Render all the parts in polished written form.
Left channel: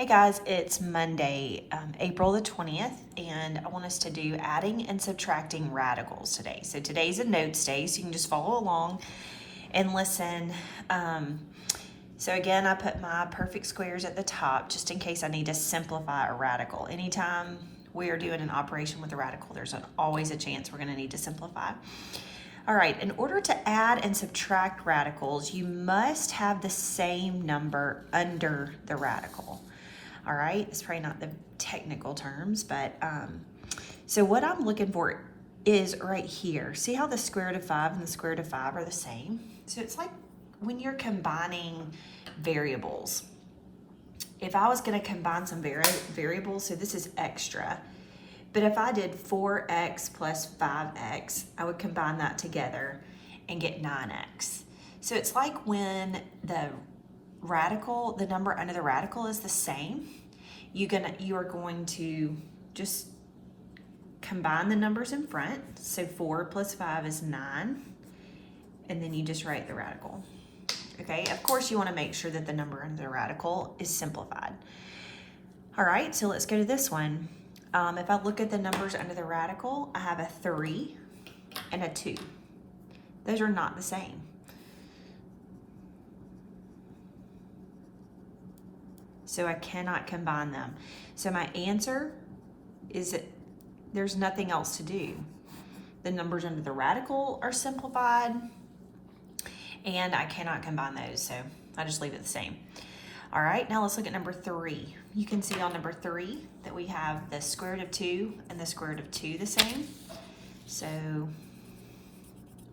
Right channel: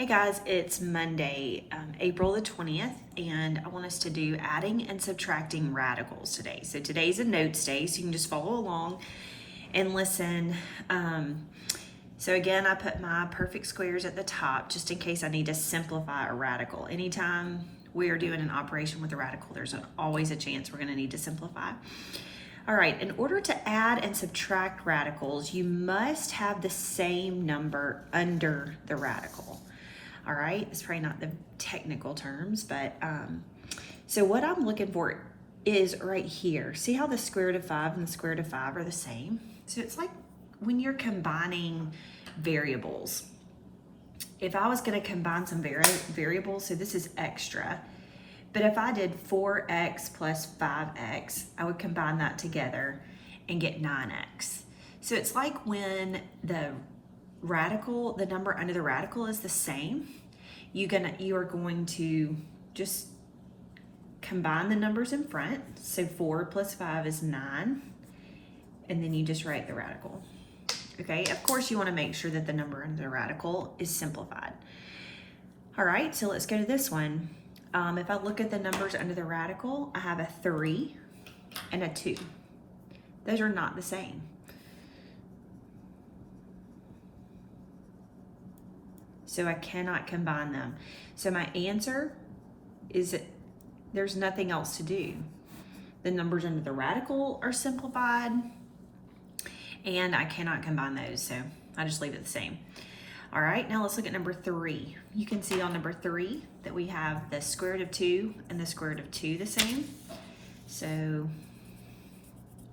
Hey guys, it's Monday, April the 20th, and I want us to do adding and subtracting radicals today. So today's a notes day, so you can just follow along and listen. So again, I put my perfect squares at the top just in case I need to simplify a radical. Anytime we are doing an operation with a radical, there's always a chance we're going to need to simplify. All right, in order to add and subtract radicals, you must have the same number under the radical. All right, it's probably not the technical terms, but so what I'm looking for is right here. See how the square root of 5 and the square root of 5 are the same? So it's like when you're combining variables. If I was going to combine some variables, so this is extra, but if I did 4x plus 5x, I would combine that together and get 9x. So it's like when the radical, the number under the radical is the same, you are going to just combine the numbers in front. So 4 plus 5 is 9, and then you just write the radical. Okay, of course you want to make sure that the number under the radical is simplified. All right, so let's go to this one. If I look at the numbers under the radical, I have a 3 and a 2. Those are not the same. So I cannot combine them. So my answer is that there's nothing else to do. The numbers under the radical are simplified, and I cannot combine those, so I just leave it the same. All right, now let's look at number 3. You can see on number 3 that we have the square root of 2 and the square root of 2 the same. So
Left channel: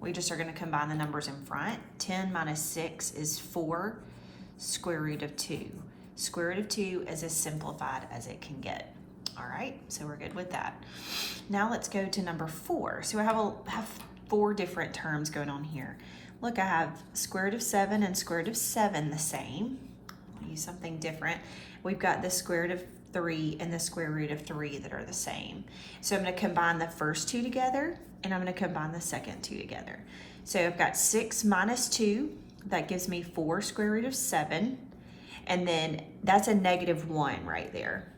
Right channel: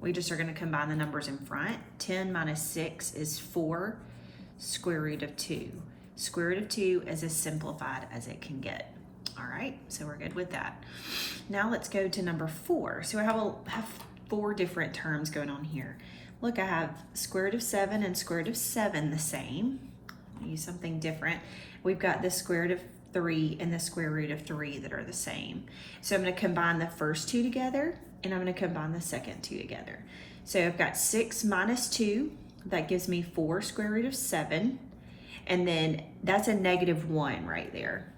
we just are going to combine the numbers in front. 10 minus 6 is 4 square root of 2. Square root of 2 is as simplified as it can get. All right, so we're good with that. Now let's go to number 4. So I have 4 different terms going on here. Look, I have square root of 7 and square root of 7 the same. I'll use something different. We've got the square root of 3 and the square root of 3 that are the same. So I'm going to combine the first two together, and I'm going to combine the second two together. So I've got 6 minus 2. That gives me 4 square root of 7. And then that's a -1 right there.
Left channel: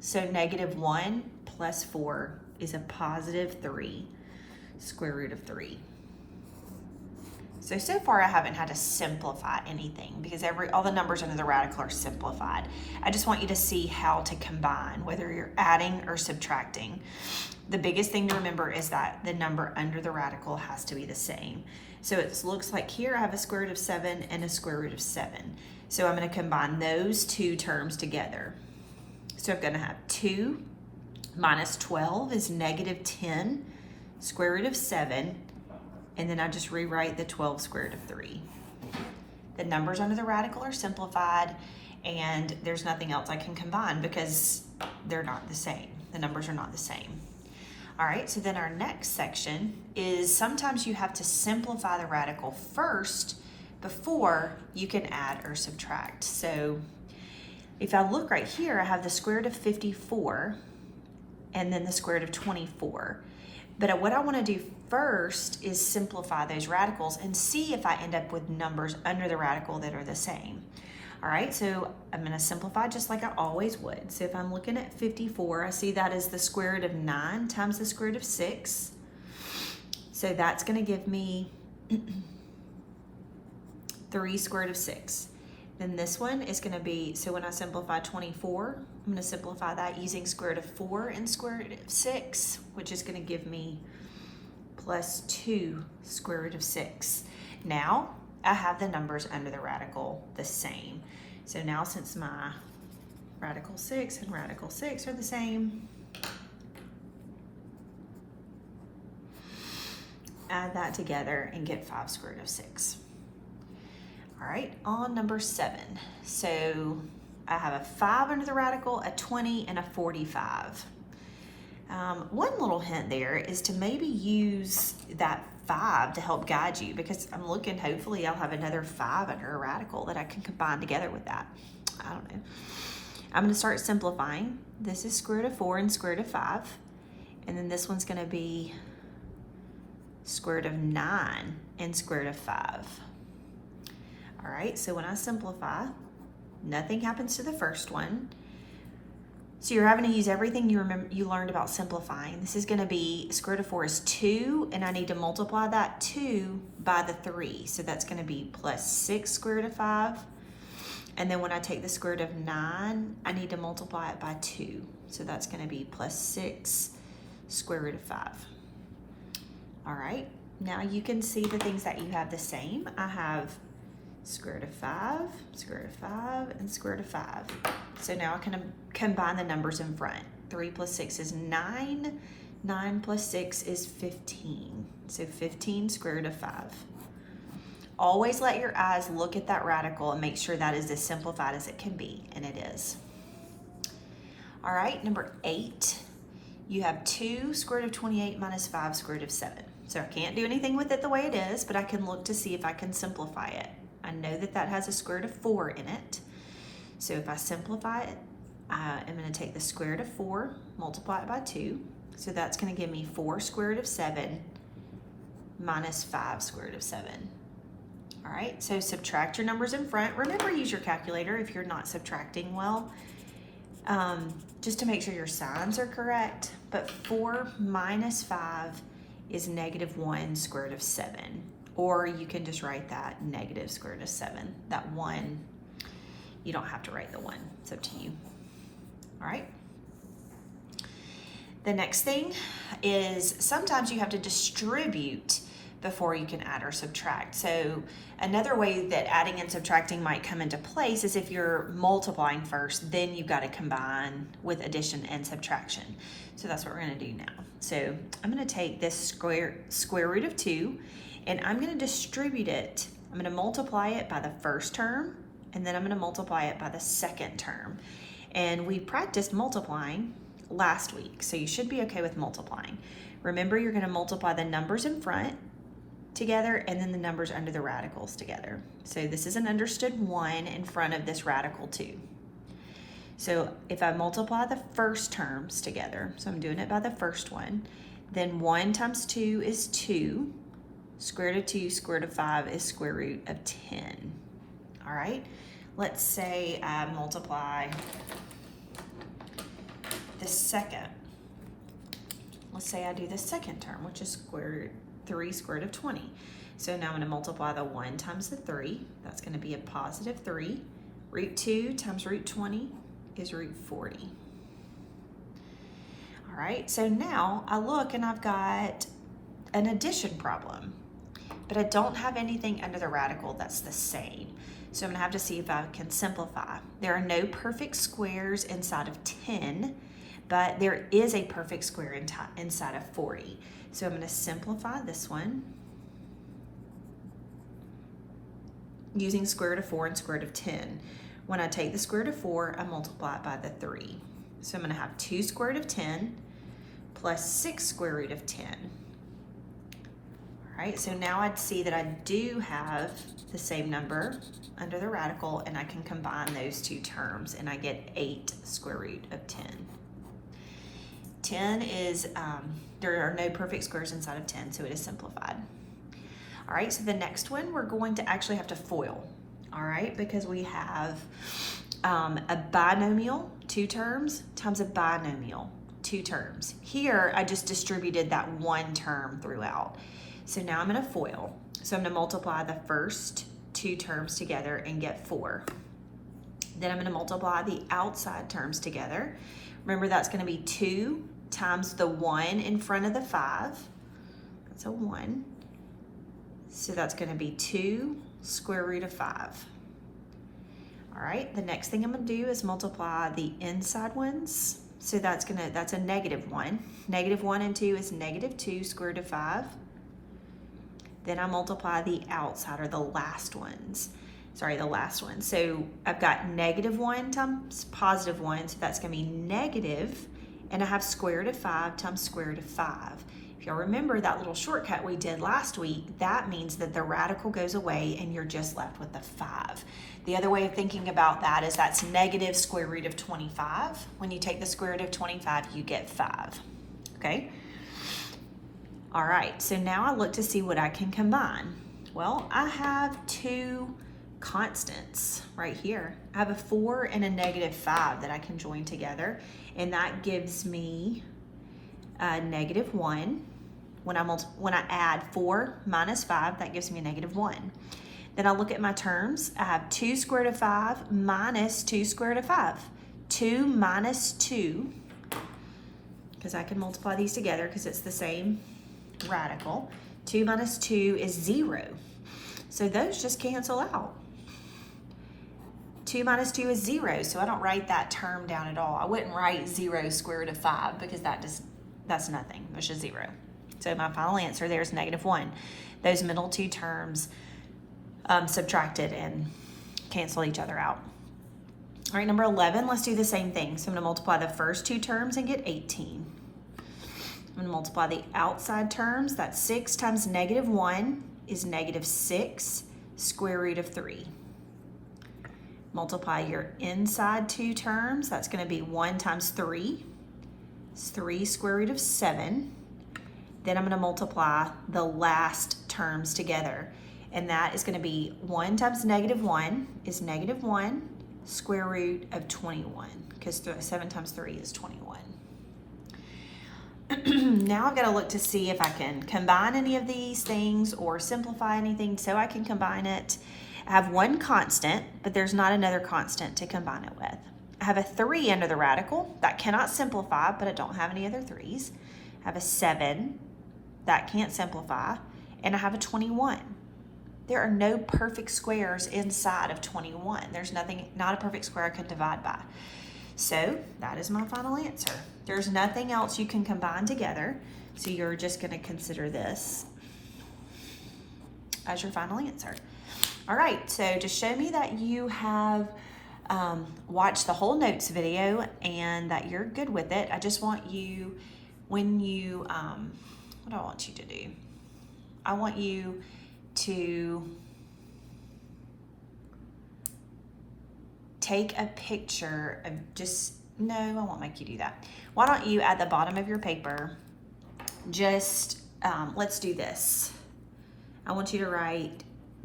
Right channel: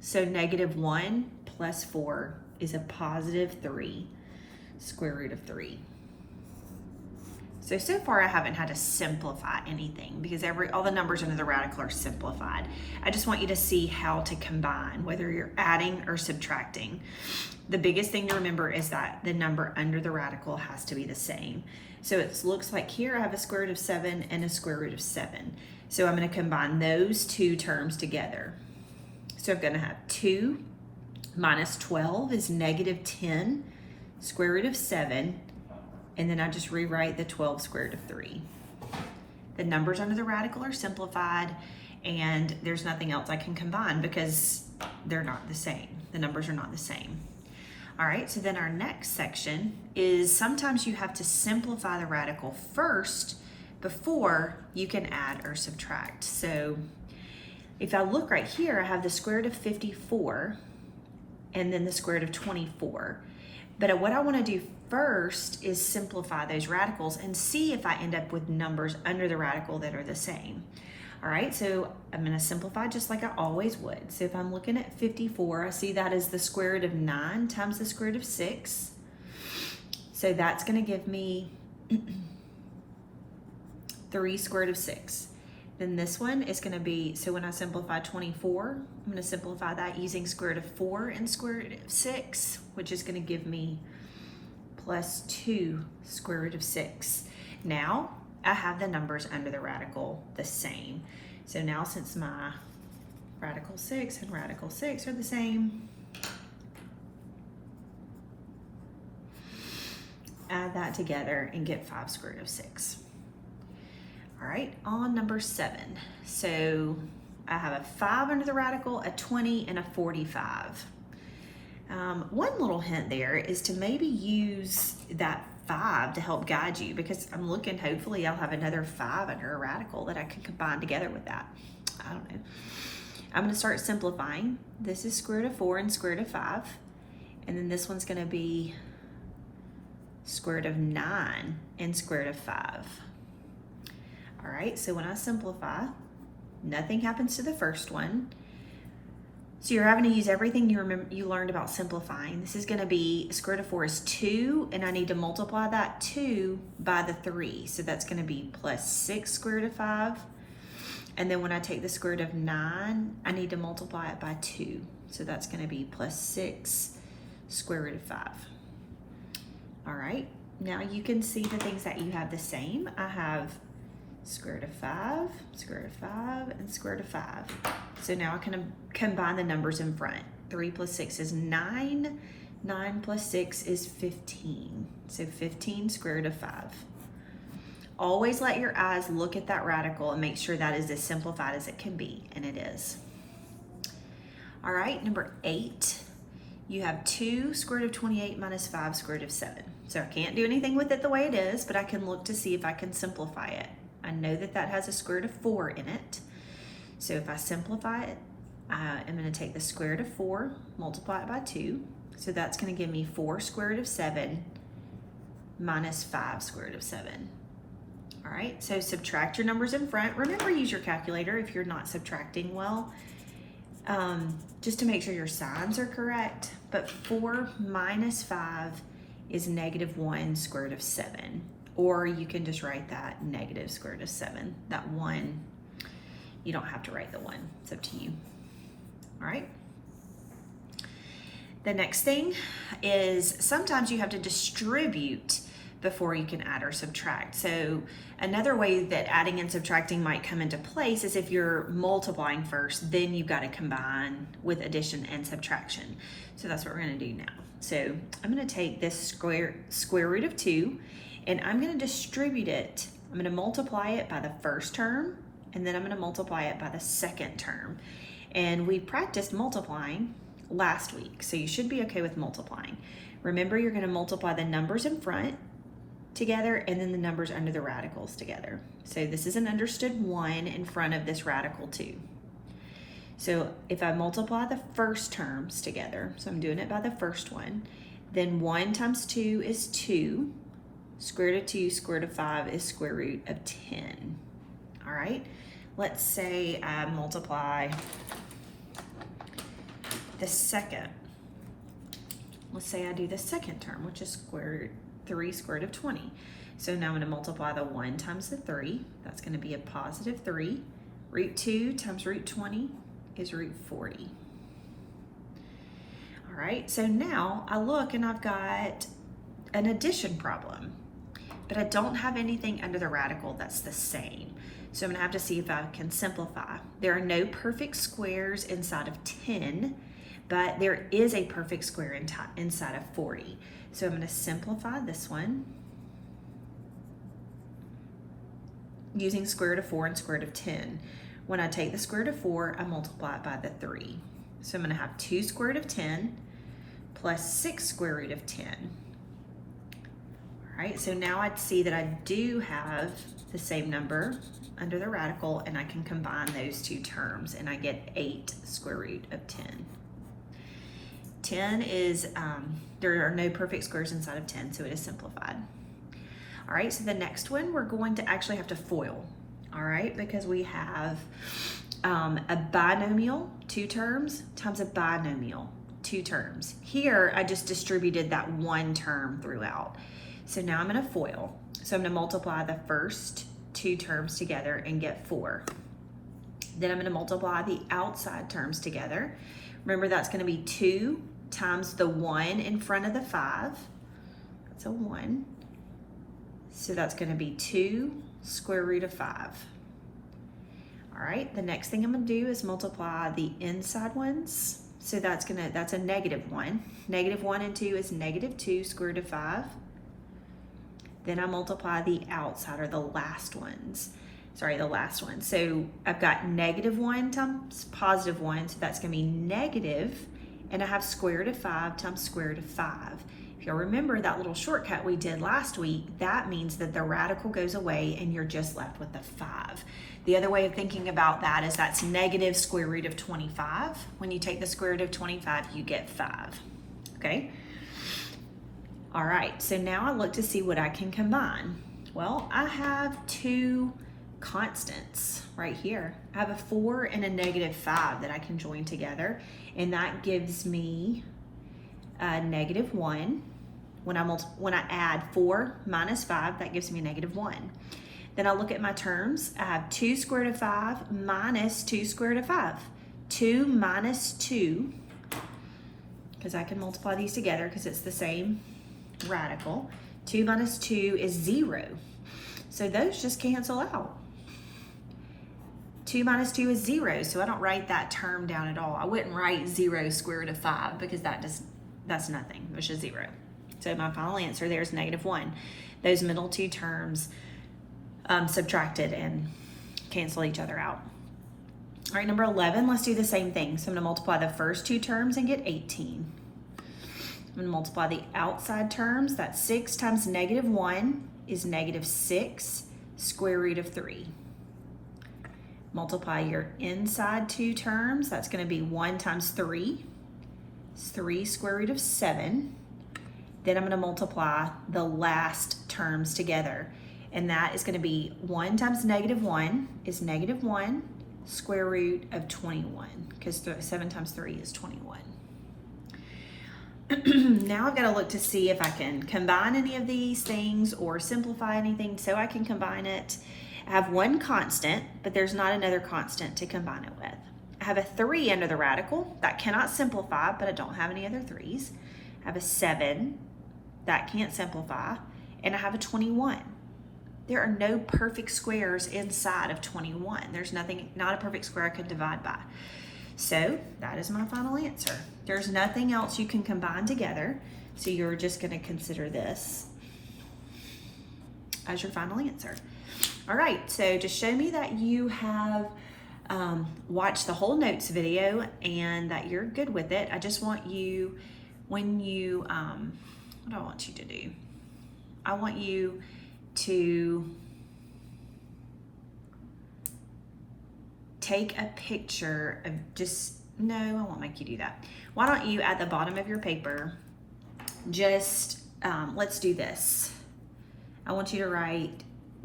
So -1 plus 4 is a positive 3 square root of 3. So far I haven't had to simplify anything because all the numbers under the radical are simplified. I just want you to see how to combine, whether you're adding or subtracting. The biggest thing to remember is that the number under the radical has to be the same. So it looks like here I have a square root of 7 and a square root of 7. So I'm going to combine those two terms together. So I'm going to have 2 minus 12 is -10 square root of 7. And then I just rewrite the 12 square root of 3. The numbers under the radical are simplified, and there's nothing else I can combine because they're not the same. The numbers are not the same. All right, so then our next section is sometimes you have to simplify the radical first before you can add or subtract. So if I look right here, I have the square root of 54 and then the square root of 24. But what I want to do first is simplify those radicals and see if I end up with numbers under the radical that are the same. All right, so I'm going to simplify just like I always would. So if I'm looking at 54, I see that as the square root of 9 times the square root of 6. So that's going to give me 3 square root of 6. Then this one is going to be, so when I simplify 24, I'm going to simplify that using square root of 4 and square root of 6, which is going to give me plus 2 square root of 6. Now I have the numbers under the radical the same. So now since my radical 6 and radical 6 are the same, add that together and get 5 square root of 6. All right, on number 7. So I have a 5 under the radical, a 20, and a 45. One little hint there is to maybe use that 5 to help guide you, because I'm looking, hopefully I'll have another 5 under a radical that I can combine together with that. I don't know. I'm going to start simplifying. This is square root of 4 and square root of 5. And then this one's going to be square root of 9 and square root of 5. All right, so when I simplify, nothing happens to the first one. So you're having to use everything you learned about simplifying. This is going to be square root of 4 is 2, and I need to multiply that 2 by the 3. So that's going to be plus 6 square root of 5. And then when I take the square root of 9, I need to multiply it by 2. So that's going to be plus 6 square root of 5. All right, now you can see the things that you have the same. I have square root of 5, square root of 5, and square root of 5. So now I can combine the numbers in front. 3 plus 6 is 9. 9 plus 6 is 15. So 15 square root of 5. Always let your eyes look at that radical and make sure that is as simplified as it can be, and it is. All right, number 8. You have 2 square root of 28 minus 5 square root of 7. So I can't do anything with it the way it is, but I can look to see if I can simplify it. I know that that has a square root of 4 in it. So if I simplify it, I'm going to take the square root of 4, multiply it by 2. So that's going to give me 4 square root of 7 minus 5 square root of 7. All right, so subtract your numbers in front. Remember to use your calculator if you're not subtracting well, just to make sure your signs are correct. But 4 minus 5 is negative 1 square root of 7. Or you can just write that negative square root of 7. That 1, you don't have to write the 1. It's up to you. All right. The next thing is sometimes you have to distribute before you can add or subtract. So another way that adding and subtracting might come into place is if you're multiplying first, then you've got to combine with addition and subtraction. So that's what we're going to do now. So I'm going to take this square root of 2, and I'm going to distribute it. I'm going to multiply it by the first term, and then I'm going to multiply it by the second term. And we practiced multiplying last week, so you should be okay with multiplying. Remember, you're going to multiply the numbers in front together and then the numbers under the radicals together. So this is an understood 1 in front of this radical 2. So if I multiply the first terms together, so I'm doing it by the first one, then 1 times 2 is 2. Square root of 2, square root of 5 is square root of 10. All right, let's say I multiply the second. Let's say I do the second term, which is 3 square root of 20. So now I'm going to multiply the 1 times the 3. That's going to be a positive 3. Root 2 times root 20 is root 40. All right, so now I look and I've got an addition problem, but I don't have anything under the radical that's the same. So I'm going to have to see if I can simplify. There are no perfect squares inside of 10, but there is a perfect square inside of 40. So I'm going to simplify this one using square root of 4 and square root of 10. When I take the square root of 4, I multiply it by the 3. So I'm going to have 2 square root of 10 plus 6 square root of 10. All right, so now I'd see that I do have the same number under the radical, and I can combine those two terms, and I get 8 square root of 10. 10 is, there are no perfect squares inside of 10, so it is simplified. All right, so the next one, we're going to actually have to FOIL, all right, because we have a binomial, 2 terms, times a binomial, 2 terms. Here, I just distributed that 1 term throughout. So now I'm going to FOIL. So I'm going to multiply the first 2 terms together and get 4. Then I'm going to multiply the outside terms together. Remember, that's going to be 2 times the 1 in front of the 5. That's a 1. So that's going to be 2 square root of 5. All right, the next thing I'm going to do is multiply the inside ones. So that's a negative 1. Negative 1 and 2 is negative 2 square root of 5. Then I multiply the outside, or the last ones. Sorry, the last one. So I've got negative 1 times positive 1, so that's going to be negative, and I have square root of 5 times square root of 5. If you'll remember that little shortcut we did last week, that means that the radical goes away and you're just left with the 5. The other way of thinking about that is that's negative square root of 25. When you take the square root of 25, you get 5. Okay? All right, so now I look to see what I can combine. Well, I have 2 constants right here. I have a 4 and a -5 that I can join together, and that gives me a -1. When I add 4 minus 5, that gives me a -1. Then I look at my terms. I have 2 square root of 5 minus 2 square root of 5. 2 minus 2, because I can multiply these together because it's the same radical. 2 minus 2 is 0. So those just cancel out. 2 minus 2 is 0, so I don't write that term down at all. I wouldn't write 0 square root of 5 because that's nothing. It's just 0. So my final answer there is -1. Those middle two terms subtracted and cancel each other out. All right, number 11, let's do the same thing. So I'm going to multiply the first two terms and get 18. I'm going to multiply the outside terms. That's 6 times -1 is -6 square root of 3. Multiply your inside two terms. That's going to be 1 times 3. It's 3 square root of 7. Then I'm going to multiply the last terms together. And that is going to be 1 times -1 is -1 square root of 21, because 7 times 3 is 21. Now I've got to look to see if I can combine any of these things or simplify anything so I can combine it. I have one constant, but there's not another constant to combine it with. I have a 3 under the radical. That cannot simplify, but I don't have any other 3s. I have a 7. That can't simplify. And I have a 21. There are no perfect squares inside of 21. There's not a perfect square I could divide by. So that is my final answer. There's nothing else you can combine together, so you're just going to consider this as your final answer. All right, so to show me that you have watched the whole notes video and that you're good with it, I just want you, what do I want you to do? I want you to take a picture of no, I won't make you do that. Why don't you, at the bottom of your paper, just, let's do this. I want you to write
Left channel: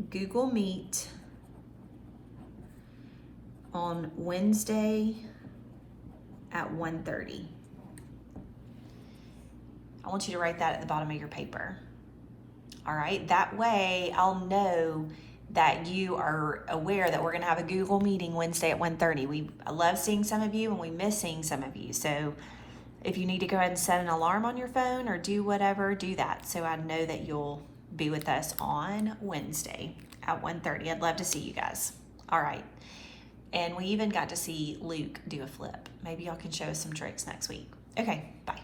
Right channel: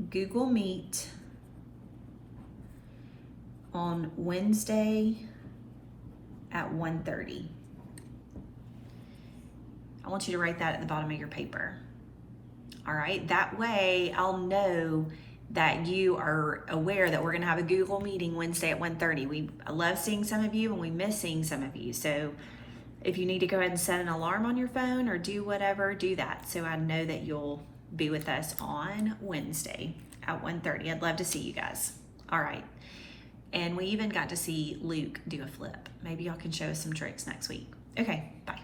Google Meet on Wednesday at 1:30. I want you to write that at the bottom of your paper. All right, that way I'll know that you are aware that we're gonna have a Google meeting Wednesday at 1:30. I love seeing some of you and we miss seeing some of you. So if you need to go ahead and set an alarm on your phone or do whatever, do that. So I know that you'll be with us on Wednesday at 1:30. I'd love to see you guys. All right. And we even got to see Luke do a flip. Maybe y'all can show us some tricks next week. Okay, bye.